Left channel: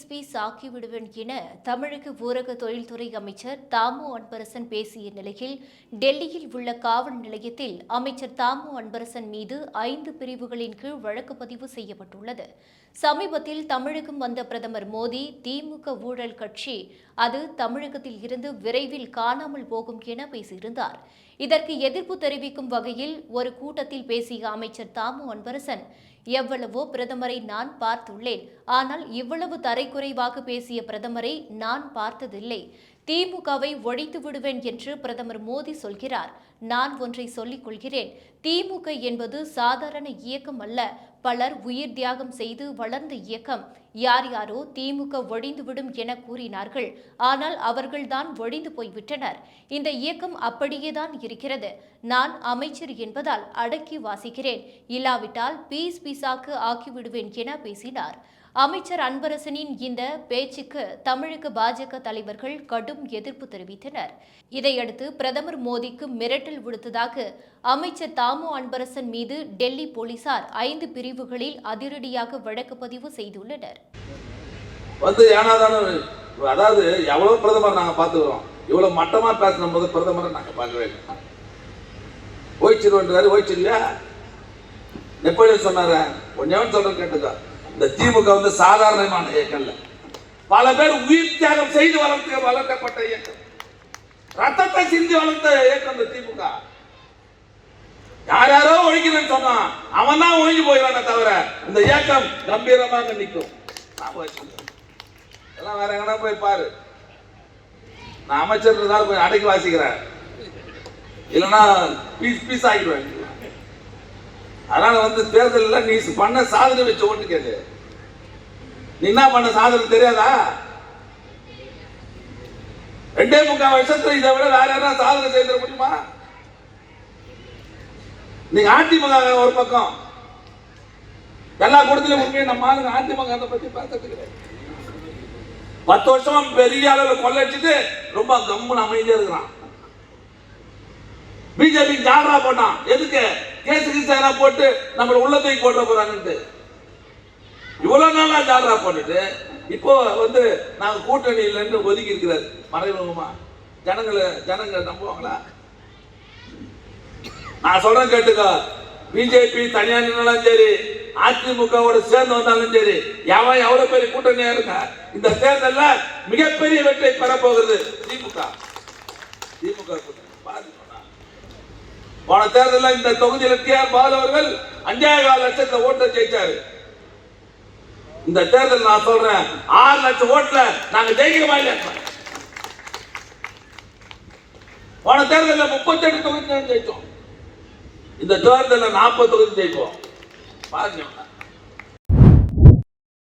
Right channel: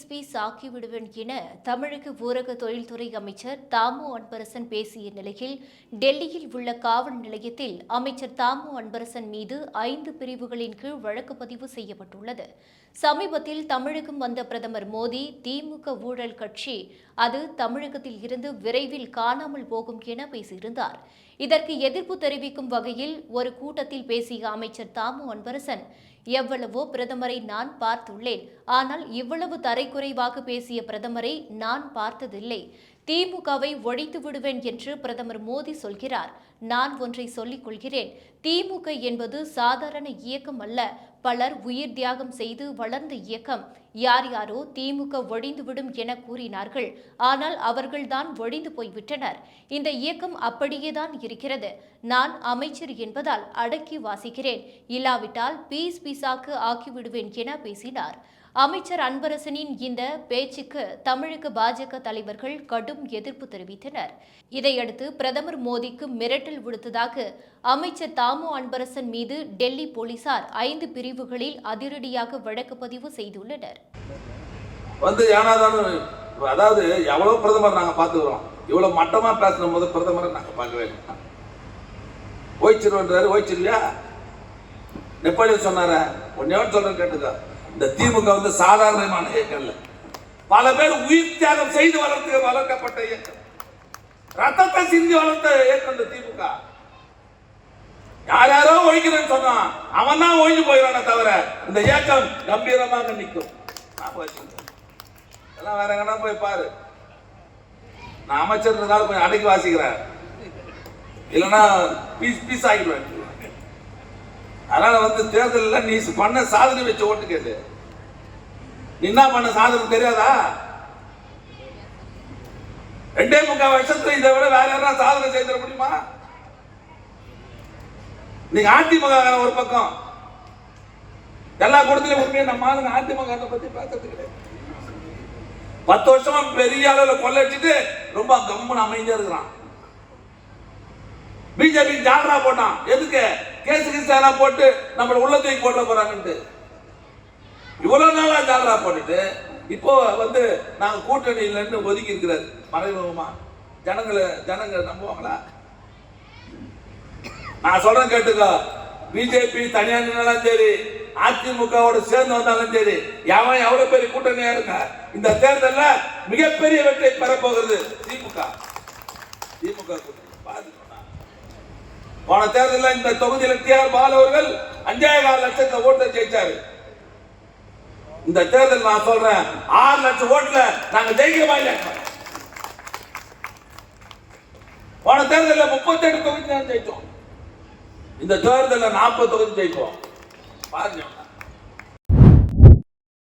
பிரதமரை ஆக்கிவிடுவேன் என தமிழக ஊரக தொழில்துறை அமைச்சர் தாமு அன்பரசன் பேசிய நிலையில் டெல்லியில் உள்ள காவல் நிலையத்தில் அமைச்சர் தாமு அன்பரசன் மீது ஐந்து பிரிவுகளின் கீழ் வழக்கு பதிவு செய்யப்பட்டுள்ளது. சமீபத்தில் தமிழகம் வந்த பிரதமர் மோடி திமுக ஊழல் கட்சி அது தமிழகத்தில் இருந்து விரைவில் காணாமல் போகும் என பேசியிருந்தார். இதற்கு எதிர்ப்பு தெரிவிக்கும் வகையில் ஒரு கூட்டத்தில் பேசிய அமைச்சர் தாமு அன்பரசன் எவ்வளவோ பிரதமரை நான் பார்த்துள்ளேன். ஆனால் இவ்வளவு தரைக்குறைவாக பேசிய பிரதமரை நான் பார்த்ததில்லை. திமுகவை ஒழித்து விடுவேன் என்று பிரதமர் மோடி சொல்கிறார். நான் ஒன்றை சொல்லிக் கொள்கிறேன். திமுக என்பது சாதாரண இயக்கம் அல்ல. பலர் உயிர் தியாகம் செய்து வளர்ந்த இயக்கம். யார் யாரோ திமுக ஒழிந்துவிடும் என கூறினார்கள். ஆனால் அவர்கள்தான் ஒழிந்து போய்விட்டனர். இந்த இயக்கம் அப்படியேதான் இருக்கிறது. நான் அமைச்சர் என்பதால் அடக்கி வாசிக்கிறேன். இல்லாவிட்டால் பீஸ் பீஸாக்கு ஆக்கிவிடுவேன் என பேசினார். அமைச்சர் அன்பரசனின் இந்த பேச்சுக்கு தமிழக பாஜக தலைவர்கள் கடும் எதிர்ப்பு தெரிவித்தனர். இதையடுத்து பிரதமர் மோடிக்கு மிரட்டல் விடுத்ததாக அமைச்சர் தாமு அன்பரசன் மீது டெல்லி போலீசார் ஐந்து பிரிவுகளில் அதிரடியாக வழக்கு பதிவு செய்துள்ளனர். வந்து அதாவது எவ்வளோ பிரதமர் நாங்கள் பார்த்துக்கிறோம். இவ்வளோ மட்டமாக பேசின போது பிரதமரை நாங்கள் பார்க்கவே இல்லை. ஓய்ச்சிருவன்றாரு ஓய்ச்சிருவியா நெப்போலியன் சொன்னார கொஞ்சம் சொல்றது கேட்டுக்கோ. இந்த திமுக வந்து சாதாரணமான இயக்கம் பல பேர் உயிர் தியாகம் செய்து வளர்த்து வளர்க்கப்பட்ட இயக்கம். ரத்தத்தை சிந்தி வளர்த்த இயக்கம் இந்த திமுக. யார் யாரோ ஒழிக்கிறேன்னு சொன்னான் அவன் தான் ஒழிஞ்சு போயிடானே தவிர இந்த இயக்கம் கம்பீரமாக நிற்கும். நான் போய் எல்லாம் வேற எங்கன்னா போய் பாரு. நான் அமைச்சர்ன்றதால கொஞ்சம் அடக்கி வாசிக்கிறேன். இல்லைன்னா பீஸ் பீஸ் ஆகிடுவேன். அதனால வந்து தேர்தலில் நீ பண்ண சாதனை வச்ச ஓட்டு கேளு. நீ என்ன பண்ண சாதனை தெரியாதா? ரெண்டே முக்கால் வருஷத்துல இதை விட வேற யாரா சாதனை செய்திட முடியுமா? நீங்க அதிமுக ஒரு பக்கம். எல்லா கூட்டத்திலும் உண்மையை நம்ம ஆளுங்க அதிமுக பத்தி பேசுறது கிடையாது. பத்து வருஷமா பெரிய அளவுல கொள்ளடிச்சுட்டு ரொம்ப கம்முன்னு அமைதியா இருக்கிறான். பிஜேபி ஜாலரா போட்டான். எதுக்கு? கேசு கிசு போட்டு நம்மளை உள்ள தூக்கி போட்டு போறாங்கன்ட்டு. இவ்வளவு நாளா ஜாலரா போட்டுட்டு இப்போ வந்து நாங்கள் கூட்டணியில் இருந்து ஒதுக்கி இருக்கிறார் மறைமுகமா. ஜனங்களை ஜனங்களை நம்புவாங்களா? நான் சொல்றேன் கேட்டுக்கோ. பிஜேபி தனியா நின்னாலும் சரி அதிமுகவோட சேர்ந்து வந்தாலும் சரி எவன் எவ்வளவு பெரிய கூட்டணியா இருக்கா? இந்த தேர்தலில் மிகப்பெரிய வெற்றியை பெறப்போகிறது திமுக. திமுக கூட்டணி. போன தேர்தலில் இந்த தொகுதியில் கே ஆர் பாலு அவர்கள் அஞ்சே கால் லட்சத்துல ஓட்டு ஜெயிச்சாரு. இந்த தேர்தல் நான் சொல்றேன் ஆறு லட்சம் ஓட்டுல நாங்க ஜெயிக்கிறோமா இல்ல போன தேர்தலில் முப்பத்தெட்டு தொகுதி ஜெயிச்சோம். இந்த தேர்தலில் நாற்பது தொகுதி ஜெயிப்போம். பாருங்க.